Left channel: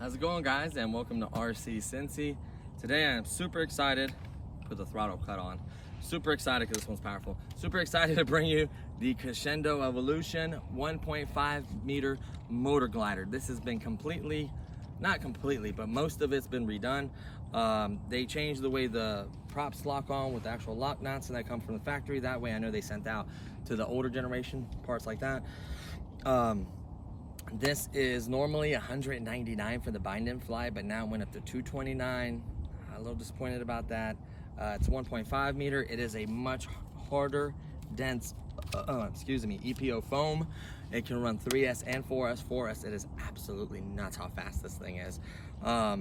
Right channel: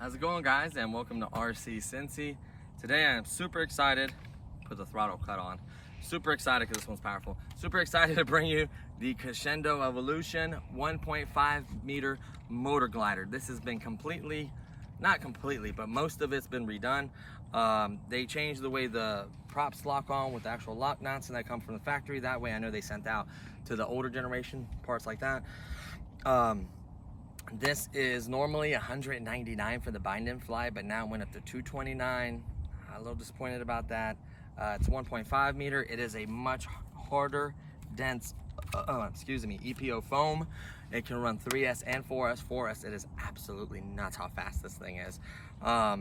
How's it going, guys, and welcome to RC Cincy. Today I am super excited, put the throttle cut on, super excited because this one's powerful, super excited to bring you the Conscendo Evolution 1.5 meter Motorglider. This has been completely, not completely, but most of it's been redone. They changed the way the props lock on with the actual lock nuts, and that come from the factory. That way I know they sent out to the older generation parts like that. This is normally $199 for the bind and fly, but now it went up to $229. I'm a little disappointed about that. It's 1.5 meter. It is a much harder, dense, EPO foam. It can run 3S and 4S. 4S, it is absolutely nuts how fast this thing is. You're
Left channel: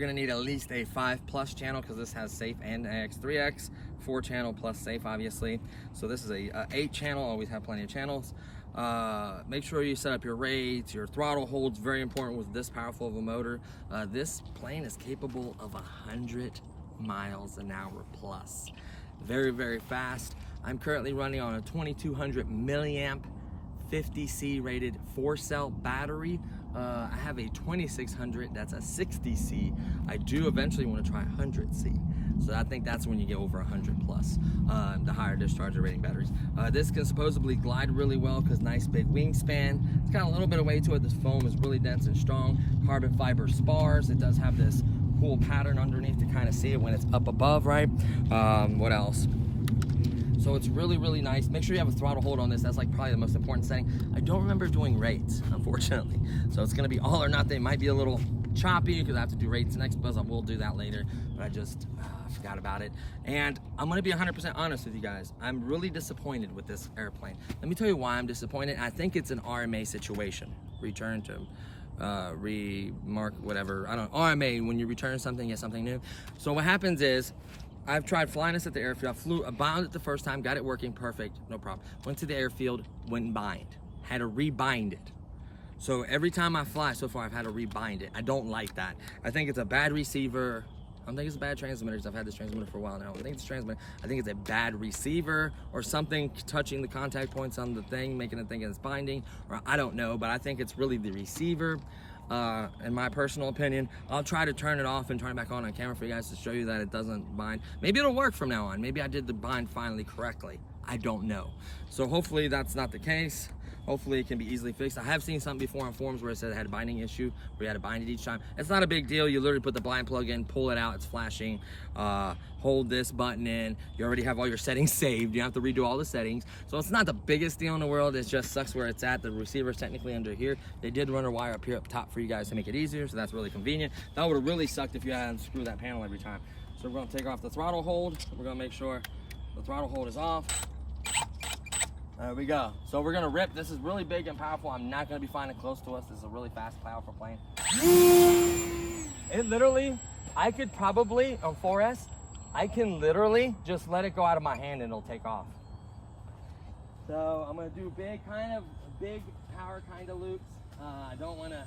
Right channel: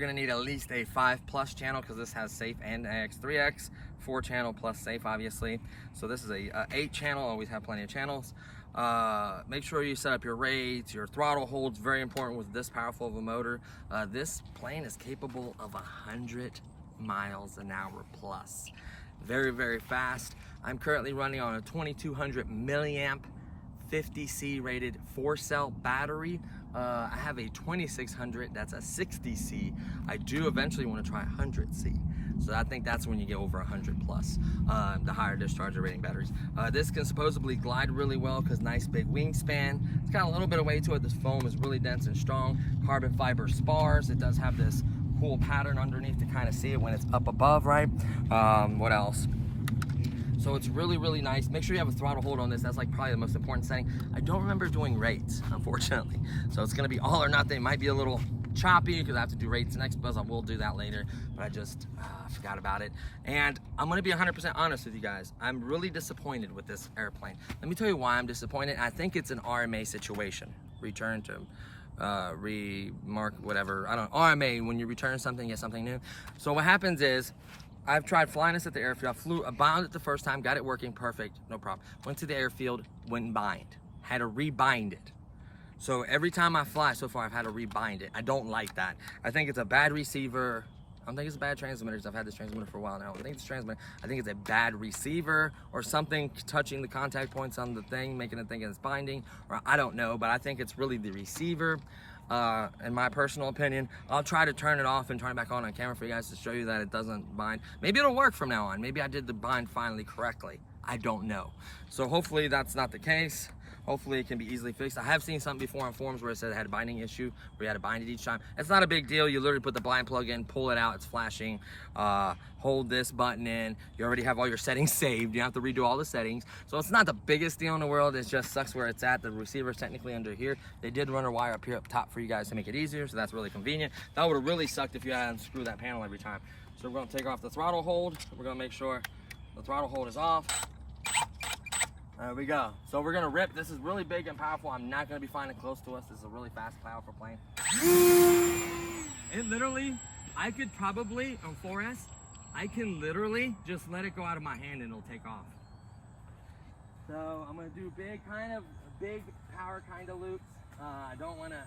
gonna need at least a 5+ channel because this has safe and AX 3X, 4 channel plus safe, obviously. So this is a 8 channel, always have plenty of channels. Make sure you set up your rates, your throttle holds, very important with this powerful of a motor. This plane is capable of 100 miles an hour plus. Very, very fast. I'm currently running on a 2200 milliamp 50C rated 4-cell battery. I have a 2600, that's a 60C. I do eventually want to try 100C. So I think that's when you get over 100 plus, the higher discharge rating batteries. This can supposedly glide really well because nice big wingspan. It's got a little bit of weight to it. This foam is really dense and strong. Carbon fiber spars. It does have this cool pattern underneath to kind of see it when it's up above, right? What else? So it's really, really nice. Make sure you have a throttle hold on this. That's like probably the most important setting. I don't remember doing rates, unfortunately. So it's gonna be all or nothing. It might be a little choppy because I have to do rates next, but I will do that later. But I just forgot about it. And I'm gonna be 100% honest with you guys. I'm really disappointed with this airplane. Let me tell you why I'm disappointed. I think it's an RMA situation. Return to remark, whatever. I don't know. RMA, when you return something, you get something new. So what happens is, I've tried flying this at the airfield. I bound it the first time, got it working perfect, no problem. Went to the airfield, wouldn't bind. Had to rebind it. So every time I fly so far, I've had to rebind it. I don't like that. I think it's a bad receiver. I don't think it's a bad transmitter because I've had this transmitter for a while now. I think it's a bad receiver or something touching the contact points on the thing, making it think it's binding, or I don't know, but I think it's really the receiver. In my personal opinion. I'll try to turn it off and turn it back on camera for you guys to show you that it doesn't bind. Maybe it'll work from now on. Maybe I did the bind finally correctly. I don't know. So hopefully that's not the case. Hopefully it can be easily fixed. I have seen something before on forums where it said it had a binding issue, where you had to bind it each time. It's not a big deal. You literally put the blind plug in, pull it out, it's flashing. Hold this button in. You already have all your settings saved. You have to redo all the settings. So it's not the biggest deal in the world. It just sucks where it's at. The receiver's technically under here. They did run a wire up here up top for you guys to make it easier, so that's really convenient. That would have really sucked if you had to unscrew that panel every time. So we're gonna take off the throttle hold. We're gonna make sure the throttle hold is off. There we go. So we're gonna rip. This is really big and powerful. I'm not gonna be flying it close to us. This is a really fast, powerful plane. It literally, I could probably, on 4S, I can literally just let it go out of my hand and it'll take off. So I'm gonna do big power kind of loops. I don't wanna.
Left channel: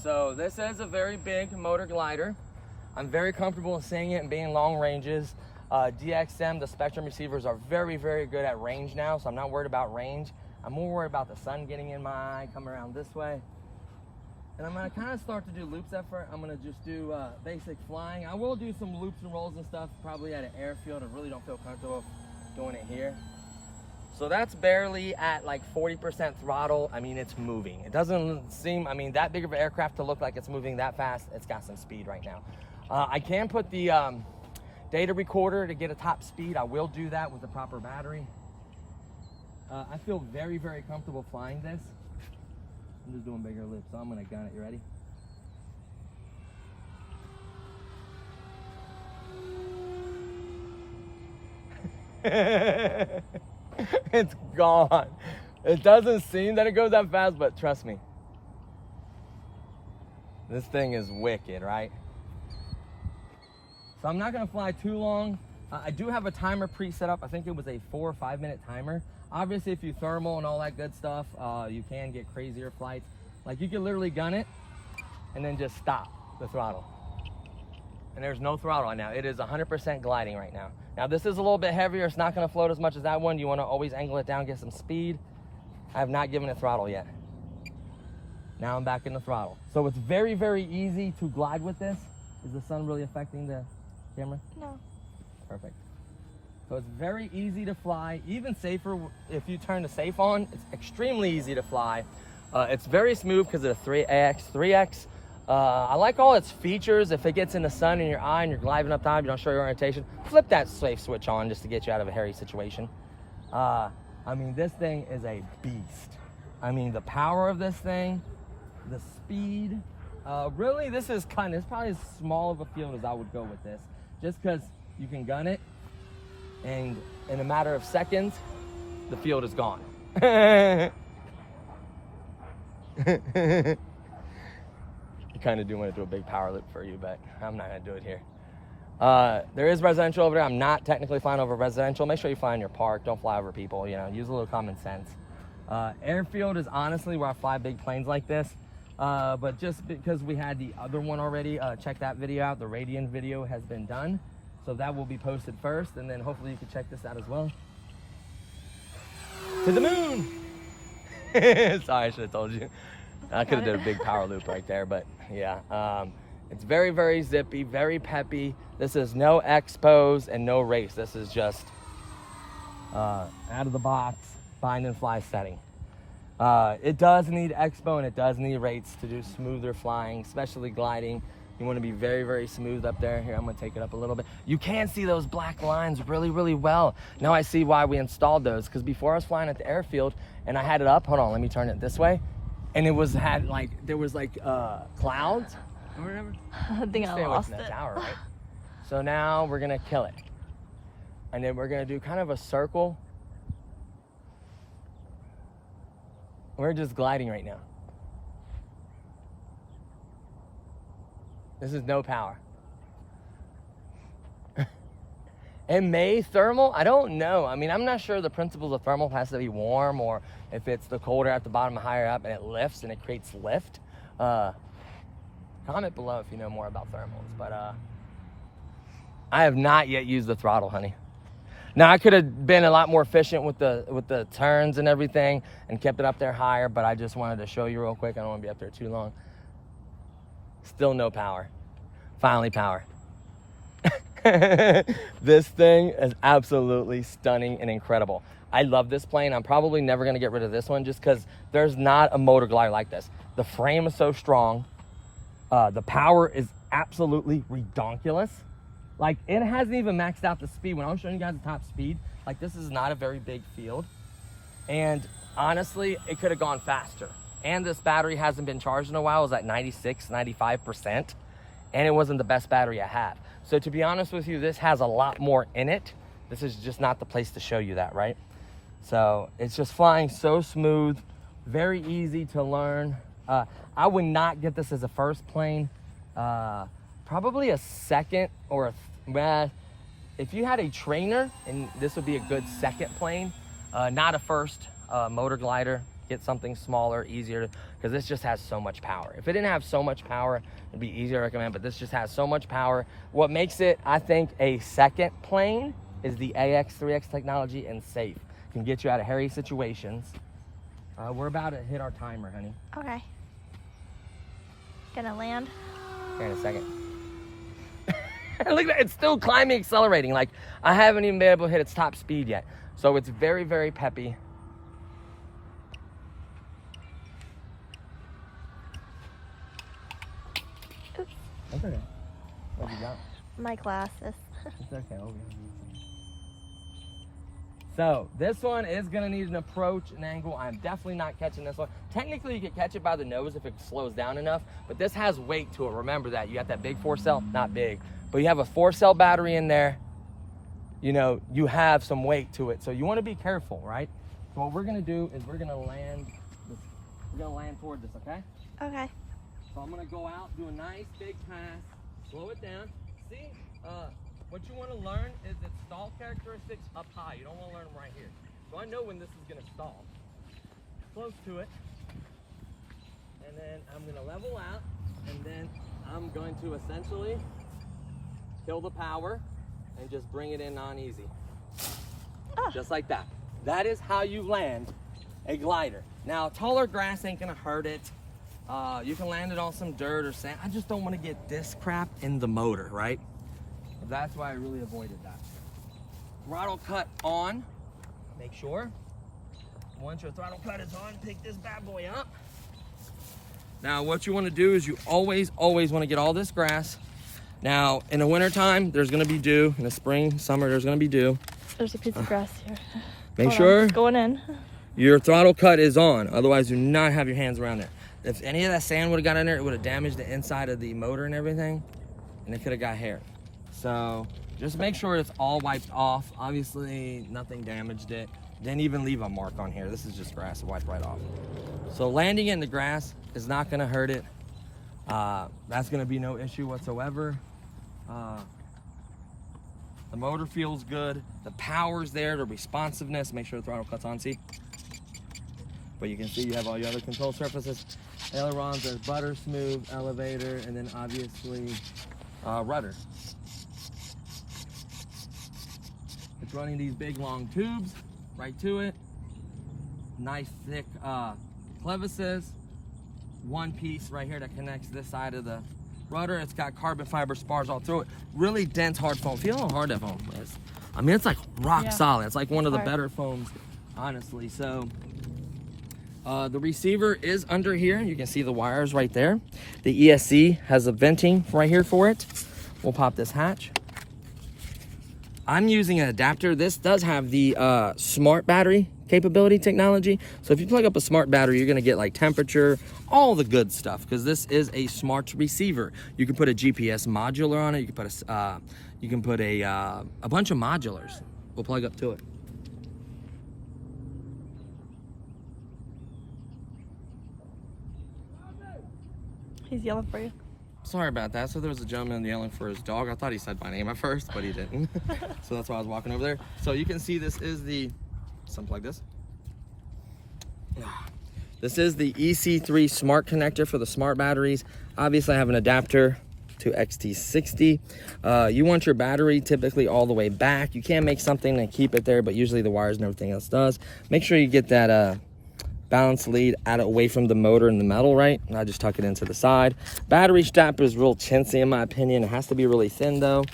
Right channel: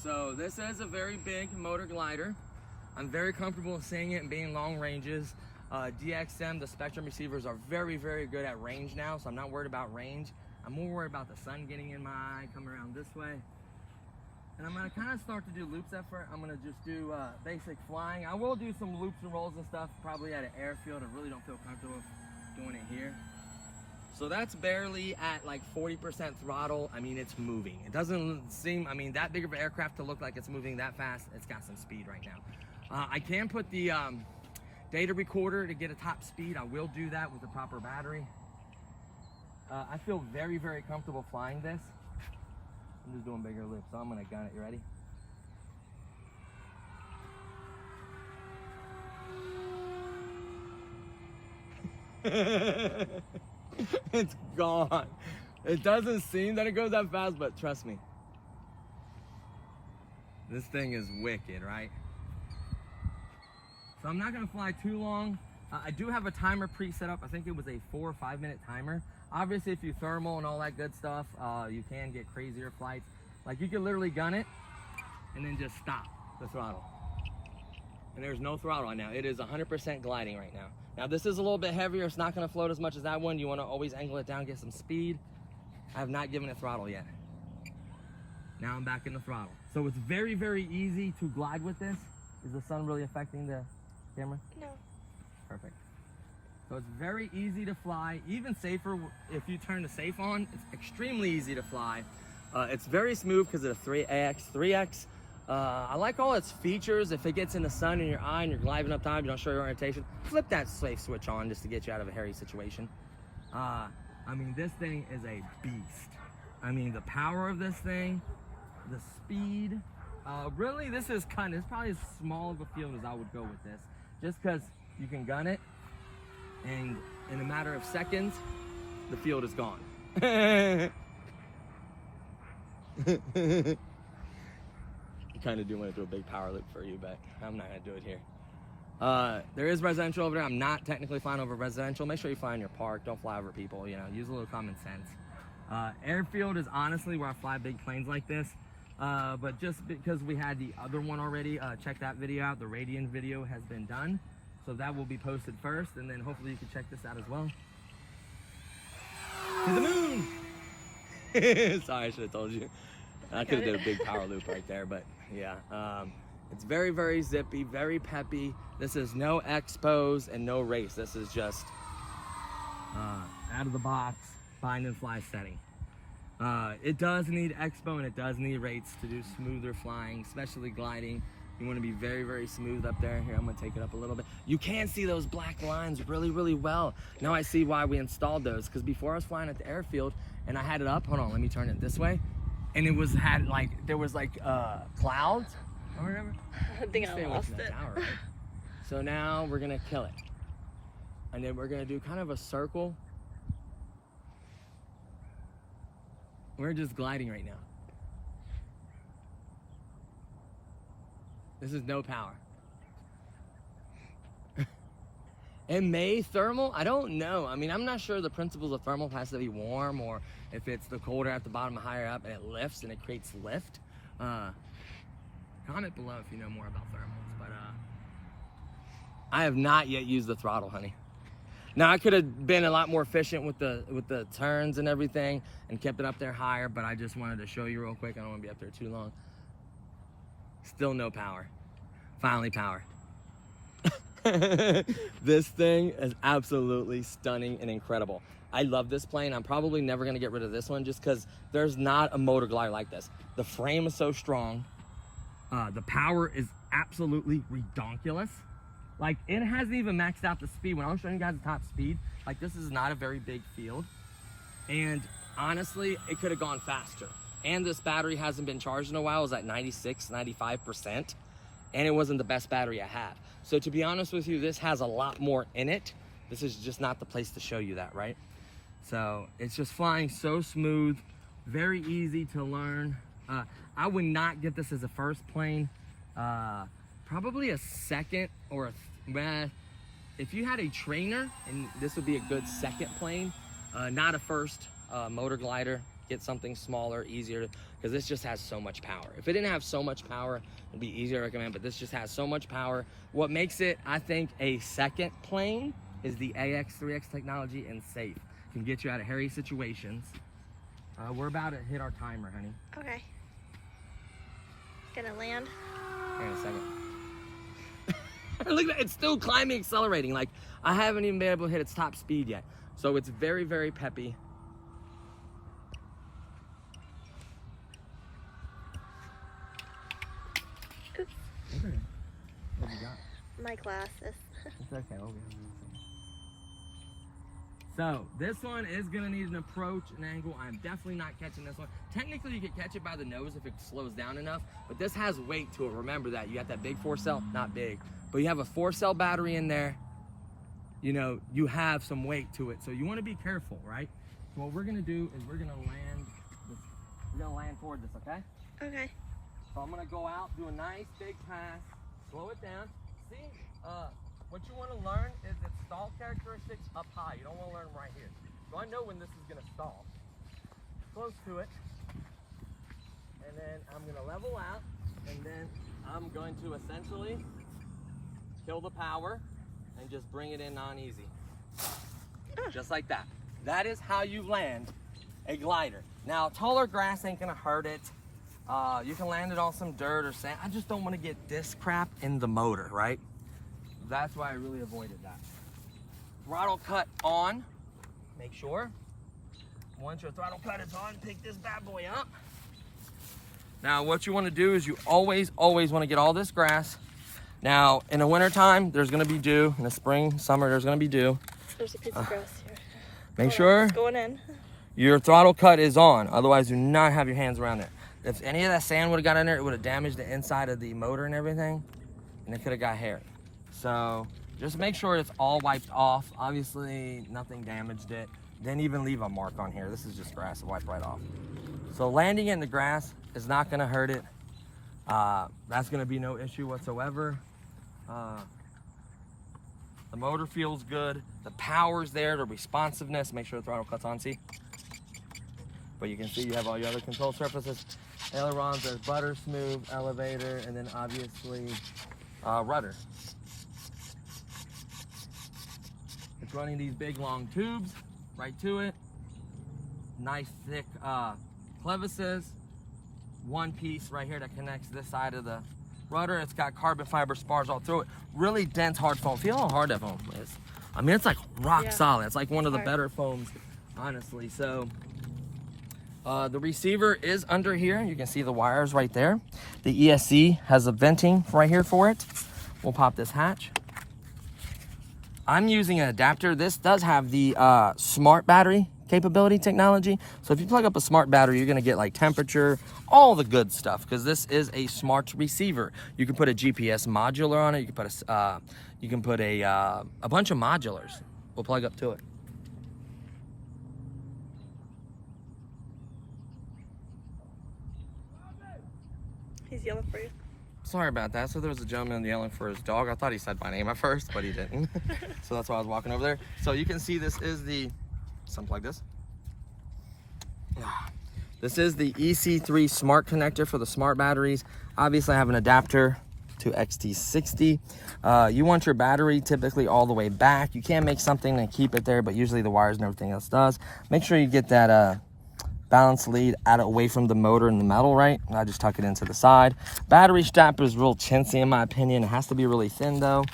So this is a very big Motorglider. I'm very comfortable in seeing it and being long ranges. DXM, the Spectrum receivers are very, very good at range now, so I'm not worried about range. I'm more worried about the sun getting in my eye, come around this way. And I'm gonna kind of start to do loops effort. I'm gonna just do basic flying. I will do some loops and rolls and stuff, probably at an airfield. I really don't feel comfortable doing it here. So that's barely at like 40% throttle. I mean, it's moving. It doesn't seem, I mean, that big of an aircraft to look like it's moving that fast. It's got some speed right now. I can put the data recorder to get a top speed. I will do that with the proper battery. I feel very, very comfortable flying this. I'm just doing bigger loops, so I'm gonna gun it. You ready? It's gone. It doesn't seem that it goes that fast, but trust me. This thing is wicked, right? So I'm not gonna fly too long. I do have a timer pre-set up. I think it was a 4 or 5 minute timer. Obviously, if you thermal and all that good stuff, you can get crazier flights. Like you could literally gun it and then just stop the throttle. And there's no throttle right now. It is 100% gliding right now. Now this is a little bit heavier. It's not gonna float as much as that one. You wanna always angle it down, get some speed. I have not given it throttle yet. Now I'm back in the throttle. So it's very, very easy to glide with this. Is the sun really affecting the camera? No. Perfect. So it's very easy to fly, even safer if you turn the safe on. It's extremely easy to fly. It's very smooth because of the 3X. I like all its features. If it gets in the sun in your eye and you're gliding up top, you don't show your orientation, flip that safe switch on just to get you out of a hairy situation. I mean, this thing is a beast. I mean, the power of this thing, the speed. Really, this is probably as small of a field as I would go with this, just because you can gun it, and in a matter of seconds, the field is gone. You kind of do want to do a big power loop for you, but I'm not going to do it here. There is residential over there. I'm not technically flying over residential. Make sure you fly in your park. Don't fly over people. You know, use a little common sense. Airfield is honestly where I fly big planes like this. But just because we had the other one already, check that video out. The Radian video has been done. So that will be posted first, and then hopefully you can check this out as well. To the moon! Sorry, I should have told you. I could have done a big power loop right there, but yeah. It's very, very zippy, very peppy. This is no expos and no race. This is just out of the box, bind and fly setting. It does need expo and it does need rates to do smoother flying, especially gliding. You want to be very, very smooth up there. Here, I'm going to take it up a little bit. You can see those black lines really, really well. Now I see why we installed those, because before I was flying at the airfield and I had it up, hold on, let me turn it this way. And there was clouds or whatever. I think I lost it. Tower, right? So now we're going to kill it. And then we're going to do kind of a circle. We're just gliding right now. This is no power. And may thermal? I don't know. I mean, I'm not sure the principles of thermal has to be warm, or if it's the colder at the bottom and higher up and it lifts and it creates lift. Comment below if you know more about thermals. But I have not yet used the throttle, honey. Now I could have been a lot more efficient with the turns and everything and kept it up there higher, but I just wanted to show you real quick. I don't want to be up there too long. Still no power. Finally power. This thing is absolutely stunning and incredible. I love this plane. I'm probably never going to get rid of this one just because there's not a Motorglider like this. The frame is so strong. The power is absolutely redonkulous. Like, it hasn't even maxed out the speed. When I was showing you guys the top speed, like, this is not a very big field. And honestly, it could have gone faster. And this battery hasn't been charged in a while. It was at 96, 95%. And it wasn't the best battery I had. So to be honest with you, this has a lot more in it. This is just not the place to show you that, right? So it's just flying so smooth, very easy to learn. I would not get this as a first plane. Probably a second or if you had a trainer, and this would be a good second plane, not a first. Motorglider, get something smaller, easier, because this just has so much power. If it didn't have so much power, it'd be easier to recommend, but this just has so much power. What makes it, I think, a second plane is the AX, 3X technology and safe. Can get you out of hairy situations. We're about to hit our timer, honey. Okay. Gonna land. Okay, in a second. Look at that, it's still climbing, accelerating. Like, I haven't even been able to hit its top speed yet. So it's very, very peppy. That's okay. What you got? My glasses. It's okay. Oh, yeah. So this one is gonna need an approach and angle. I'm definitely not catching this one. Technically, you could catch it by the nose if it slows down enough, but this has weight to it. Remember that. You got that big 4-cell, not big, but you have a 4-cell battery in there. you know, you have some weight to it. So you want to be careful, right? So what we're gonna do is we're gonna land toward this, okay? Okay. So I'm gonna go out, do a nice big pass, slow it down. See, what you want to learn is its stall characteristics up high. You don't want to learn them right here. So I know when this is gonna stall. Close to it, and then I'm gonna level out, and then I'm going to essentially kill the power and just bring it in non-easy. Just like that. That is how you land a glider. Now, taller grass ain't gonna hurt it. You can land it on some dirt or sand. I just don't want to get this crap in the motor, right? That's why I really avoided that. Throttle cut on. Make sure. Once your throttle cut is on, pick this bad boy up. Now, what you want to do is you always want to get all this grass. Now, in the wintertime, there's going to be dew. In the spring, summer, there's going to be dew. There's a piece of grass here. Make sure it's going in. Your throttle cut is on. Otherwise, do not have your hands around there. If any of that sand would have got in there, it would have damaged the inside of the motor and everything, and it could have got hair. So just make sure it's all wiped off. Obviously, nothing damaged it. Didn't even leave a mark on here. This is just grass, it wiped right off. So landing it in the grass is not gonna hurt it. That's gonna be no issue whatsoever. The motor feels good. The power's there, the responsiveness. Make sure the throttle cuts on, see? But you can see you have all your other control surfaces. Ailerons, there's butter smooth, elevator, and then obviously rudder. It's running these big long tubes right to it. Nice thick clevises. One piece right here that connects this side of the rudder. It's got carbon fiber spars all through it. Really dense, hard foam. Feel how hard that foam is. I mean, it's like rock solid. It's like one of the better foams, honestly. So the receiver is under here. You can see the wires right there. The ESC has a venting right here for it. We'll pop this hatch. I'm using an adapter. This does have the smart battery capability technology. So if you plug up a smart battery, you're gonna get like temperature, all the good stuff, because this is a smart receiver. You can put a GPS modular on it. You can put a bunch of modulars. We'll plug up to it. He's yelling for you. Sorry about that. So there was a gentleman yelling for his dog. I thought he said my name at first, but he didn't. So that's why I was walking over there. So you can see this is the, unplug this. This is the EC3 smart connector for the smart batteries. Obviously I have an adapter to XT60. You want your battery typically all the way back. You can make something and keep it there, but usually the wires and everything else does. Make sure you get that balance lead out away from the motor and the metal, right? And I just tuck it into the side. Battery strap is real chintzy in my opinion. It has to be really thin though.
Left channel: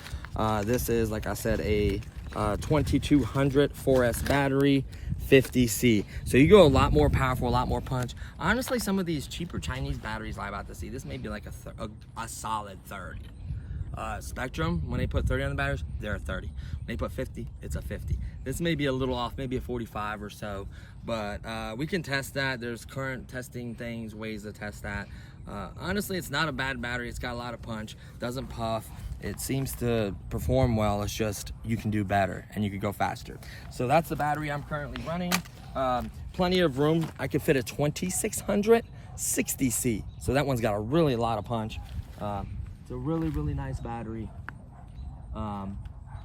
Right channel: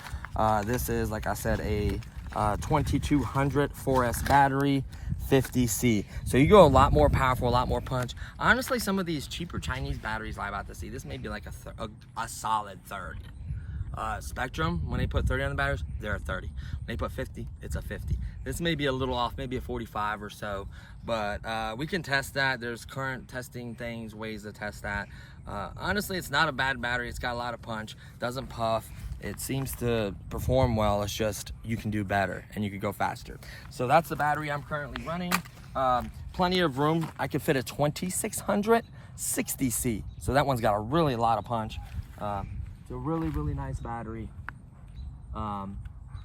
This is, like I said, a 2200 4S battery, 50C. So you go a lot more powerful, a lot more punch. Honestly, some of these cheaper Chinese batteries lie about to see. This may be like a solid 30. Spectrum, when they put 30 on the batteries, they're a 30. When they put 50, it's a 50. This may be a little off, maybe a 45 or so, but we can test that. There's current testing things, ways to test that. Honestly, it's not a bad battery. It's got a lot of punch, doesn't puff. It seems to perform well. It's just you can do better and you can go faster. So that's the battery I'm currently running. Plenty of room. I could fit a 2600 60C. So that one's got a really lot of punch. It's a really, really nice battery. And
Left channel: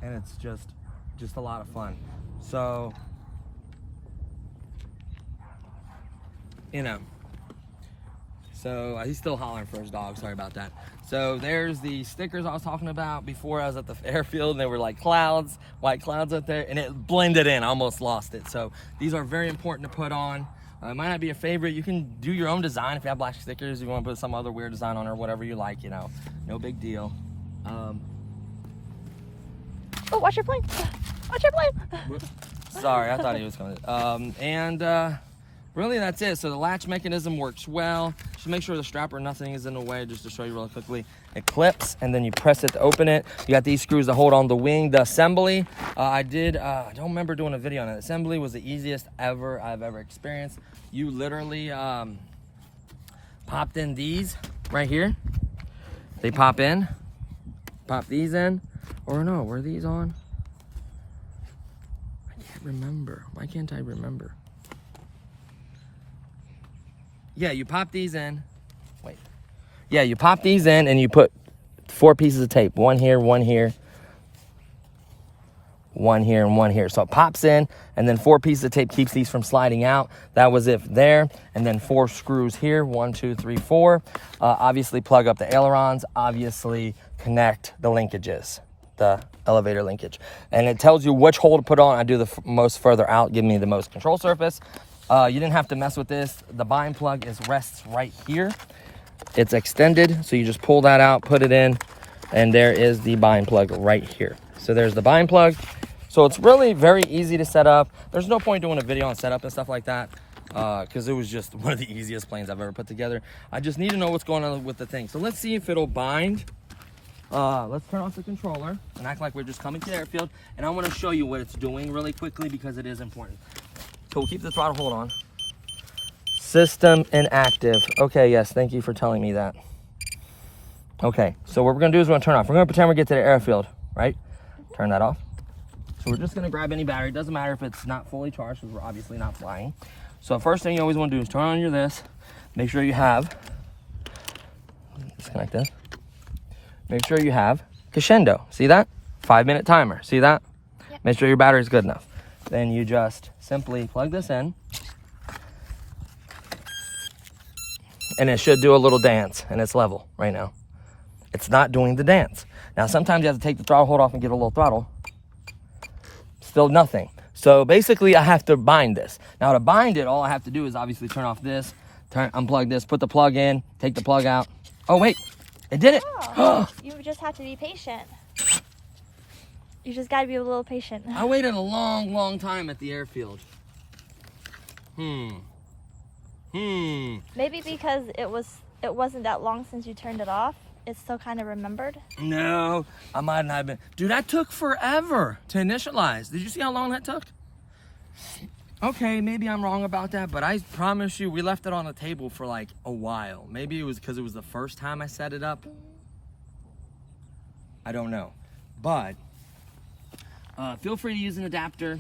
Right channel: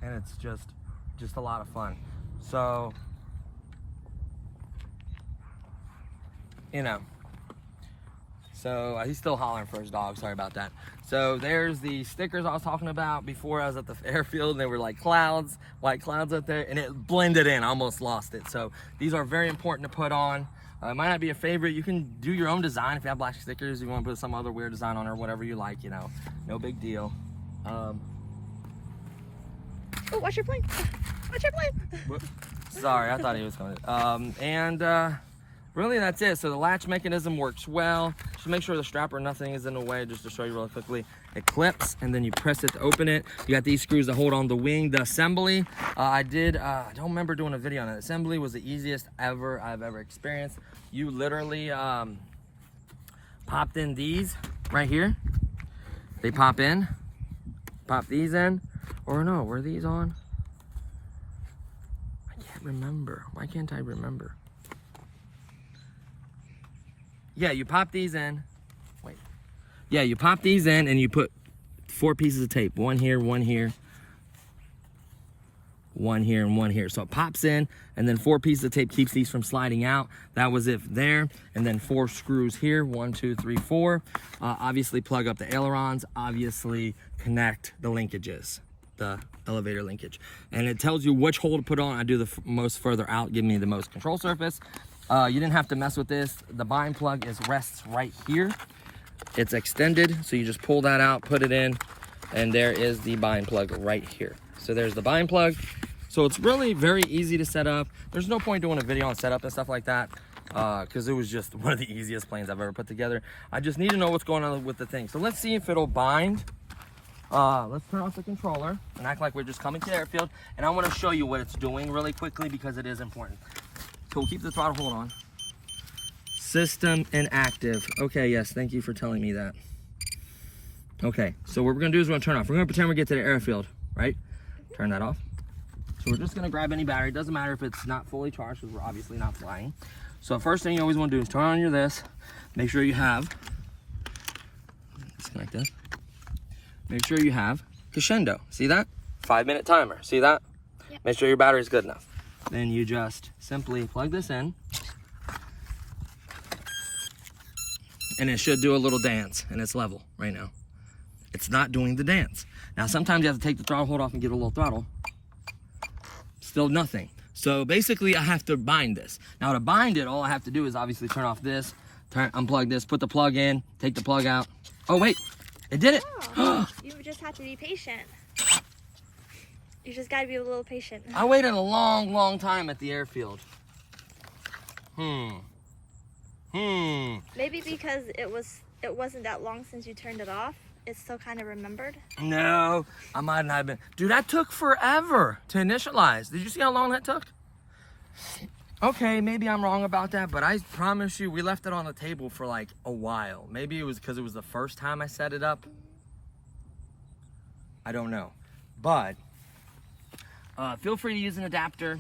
it's just a lot of fun. So, you know, so he's still hollering for his dog, sorry about that. So there's the stickers I was talking about before. I was at the airfield and they were like clouds, white clouds up there, and it blended in. I almost lost it. So these are very important to put on. It might not be a favorite. You can do your own design. If you have black stickers, you want to put some other weird design on or whatever you like, you know, no big deal. Oh, watch your plane. Watch your plane. Sorry, I thought he was coming. Really that's it. So the latch mechanism works well. Just make sure the strap or nothing is in the way, just to show you really quickly. It clips and then you press it to open it. You got these screws to hold on the wing. The assembly, I don't remember doing a video on it. Assembly was the easiest I've ever experienced. You literally popped in these right here. They pop in, pop these in, or no, were these on? remember? Why can't I remember? Yeah, you pop these in. Wait. Yeah, you pop these in and you put 4 pieces of tape. 1 here, 1 here, 1 here, and 1 here. So it pops in, and then 4 pieces of tape keeps these from sliding out. That was it there. And then 4 screws here. 1, 2, 3, 4. Obviously plug up the ailerons. Obviously connect the linkages, the elevator linkage. And it tells you which hole to put on. I do the most further out, give me the most control surface. You didn't have to mess with this. The bind plug rests right here. It's extended, so you just pull that out, put it in, and there is the bind plug right here. So there's the bind plug. So it's really very easy to set up. There's no point doing a video on setup and stuff like that, because it was just one of the easiest planes I've ever put together. I just need to know what's going on with the thing. So let's see if it'll bind. Let's turn off the controller and act like we're just coming to the airfield. And I want to show you what it's doing really quickly because it is important. So we'll keep the throttle hold on. System inactive. Okay, yes, thank you for telling me that. Okay, so what we're gonna do is we're gonna turn off. We're gonna pretend we get to the airfield, right? Turn that off. So we're just gonna grab any battery. It doesn't matter if it's not fully charged because we're obviously not flying. So first thing you always wanna do is turn on your this. Make sure you have, disconnect this. Make sure you have Conscendo. See that? 5-minute timer. See that? Yep. Make sure your battery's good enough. Then you just simply plug this in. And it should do a little dance, and it's level right now. It's not doing the dance. Now, sometimes you have to take the throttle hold off and get a little throttle. Still nothing. So basically, I have to bind this. Now, to bind it, all I have to do is obviously turn off this, unplug this, put the plug in, take the plug out. Oh, wait, it did it. Oh, you just have to be patient. You just gotta be a little patient. I waited a long, long time at the airfield. Maybe because it wasn't that long since you turned it off. It's still kind of remembered. No, I might not have been. Dude, that took forever to initialize. Did you see how long that took? Okay, maybe I'm wrong about that, but I promise you, we left it on the table for like a while. Maybe it was because it was the first time I set it up. I don't know, but feel free to use an adapter.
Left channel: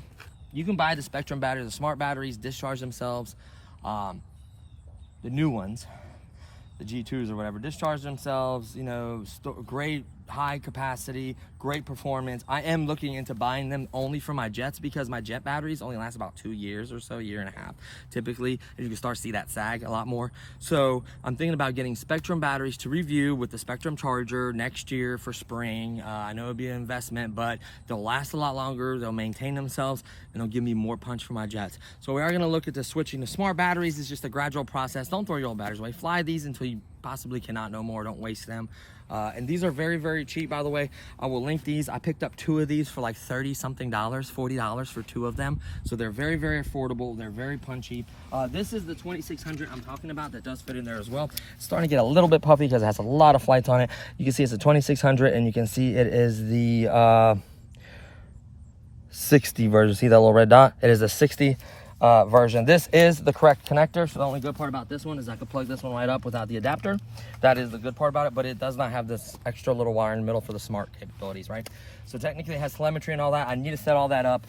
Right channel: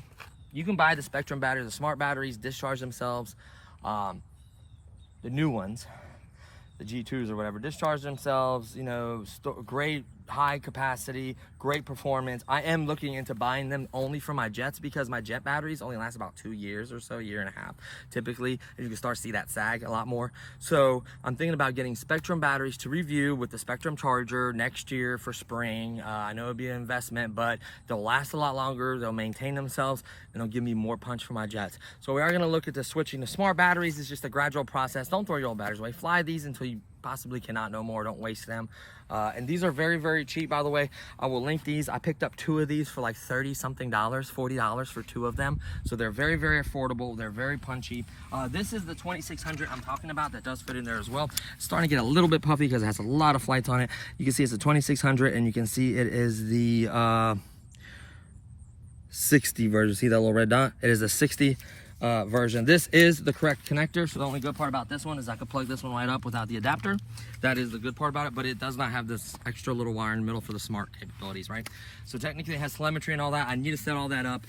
You can buy the Spectrum batteries, the smart batteries, discharge themselves. The new ones, the G2s or whatever, discharge themselves, you know, great high capacity, great performance. I am looking into buying them only for my jets because my jet batteries only last about 2 years or so, 1.5 years typically, and you can start to see that sag a lot more. So I'm thinking about getting Spectrum batteries to review with the Spectrum charger next year for spring. I know it'll be an investment, but they'll last a lot longer, they'll maintain themselves, and they'll give me more punch for my jets. So we are gonna look at the switching to smart batteries. It's just a gradual process. Don't throw your old batteries away. Fly these until you possibly cannot no more. Don't waste them. And these are very, very cheap, by the way. I will link these. I picked up 2 of these for like $30-something, $40 for 2 of them. So they're very, very affordable. They're very punchy. This is the 2600 I'm talking about that does fit in there as well. It's starting to get a little bit puffy because it has a lot of flights on it. You can see it's a 2600 and you can see it is the 60 version. See that little red dot? It is a 60 version. This is the correct connector, so the only good part about this one is I could plug this one right up without the adapter. That is the good part about it, but it does not have this extra little wire in the middle for the smart capabilities, right? So technically it has telemetry and all that. I need to set all that up.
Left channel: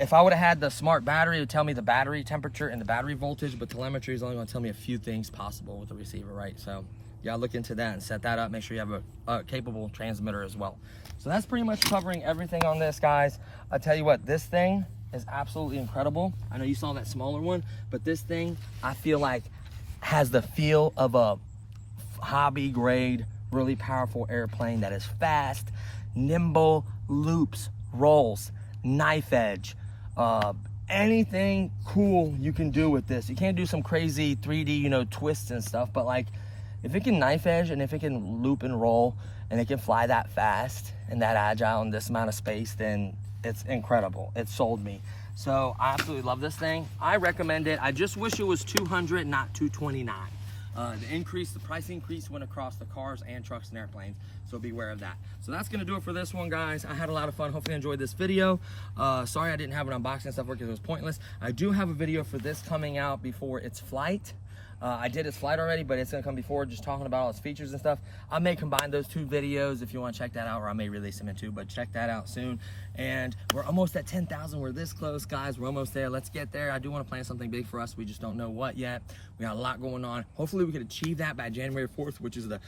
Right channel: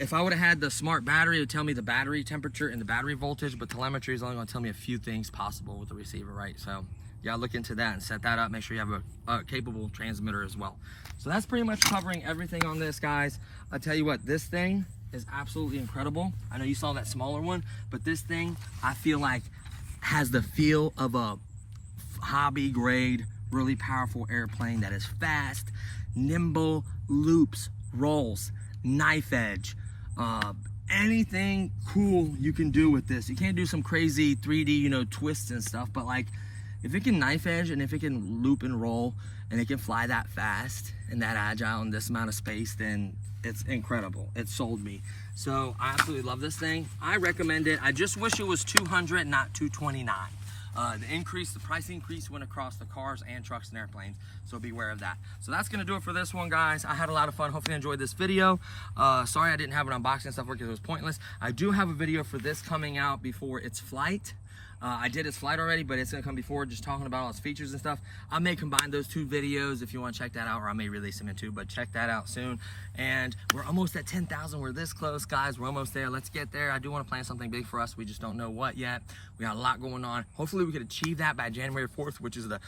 If I would have had the smart battery, it would tell me the battery temperature and the battery voltage, but telemetry is only going to tell me a few things possible with the receiver, right? So yeah, look into that and set that up. Make sure you have a capable transmitter as well. So that's pretty much covering everything on this, guys. I'll tell you what, this thing is absolutely incredible. I know you saw that smaller one, but this thing I feel like has the feel of a hobby grade, really powerful airplane that is fast, nimble, loops, rolls, knife edge, anything cool you can do with this. You can't do some crazy 3D, you know, twists and stuff, but like if it can knife edge and if it can loop and roll and it can fly that fast and that agile in this amount of space, then it's incredible. It sold me. So I absolutely love this thing. I recommend it. I just wish it was $200, not $229. The price increase went across the cars and trucks and airplanes, so beware of that. So that's gonna do it for this one, guys. I had a lot of fun. Hopefully you enjoyed this video. Sorry I didn't have an unboxing and stuff because it was pointless. I do have a video for this coming out before its flight. I did his flight already, but it's gonna come before, just talking about all his features and stuff. I may combine those 2 videos if you want to check that out, or I may release them in 2, but check that out soon. And we're almost at 10,000. We're this close, guys. We're almost there. Let's get there. I do want to plan something big for us. We just don't know what yet. We got a lot going on. Hopefully we could achieve that by January 4th, which is the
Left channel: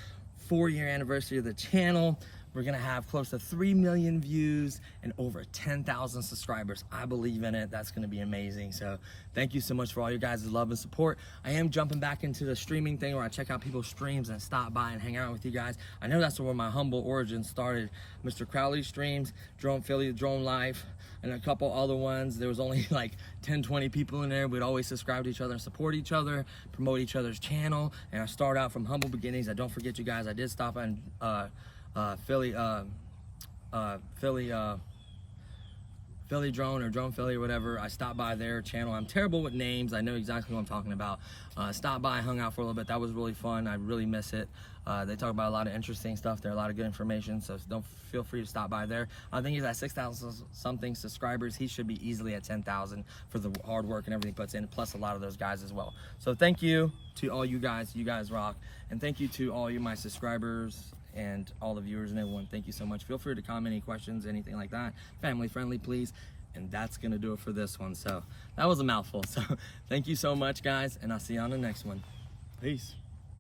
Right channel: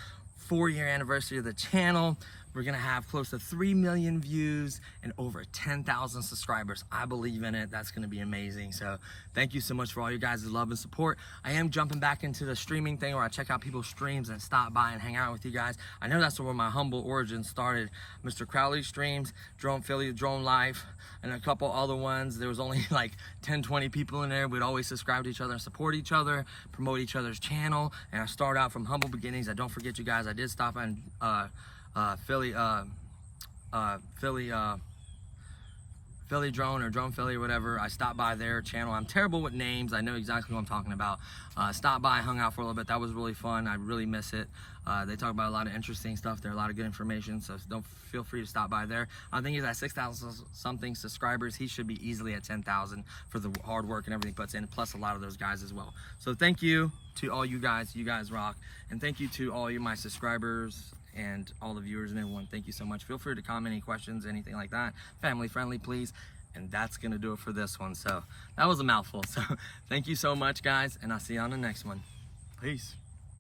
4-year anniversary of the channel. We're gonna have close to 3 million views and over 10,000 subscribers. I believe in it. That's gonna be amazing. So thank you so much for all your guys' love and support. I am jumping back into the streaming thing where I check out people's streams and stop by and hang out with you guys. I know that's where my humble origin started. Mr. Crowley streams, Drone Philly, Drone Life, and a couple other ones. There was only like 10, 20 people in there. We'd always subscribe to each other and support each other, promote each other's channel. And I start out from humble beginnings. I don't forget you guys. I did stop on Philly Drone or Drone Philly or whatever. I stopped by their channel. I'm terrible with names. I know exactly what I'm talking about. Stopped by, hung out for a little bit. That was really fun. I really miss it. They talk about a lot of interesting stuff there, a lot of good information, so don't feel free to stop by there. I think he's at 6,000 something subscribers. He should be easily at 10,000 for the hard work and everything he puts in, plus a lot of those guys as well. So thank you to all you guys. You guys rock. And thank you to all you my subscribers and all the viewers and everyone. Thank you so much. Feel free to comment any questions, anything like that. Family friendly, please. And that's gonna do it for this one. So that was a mouthful. So thank you so much, guys, and I'll see you on the next one. Peace.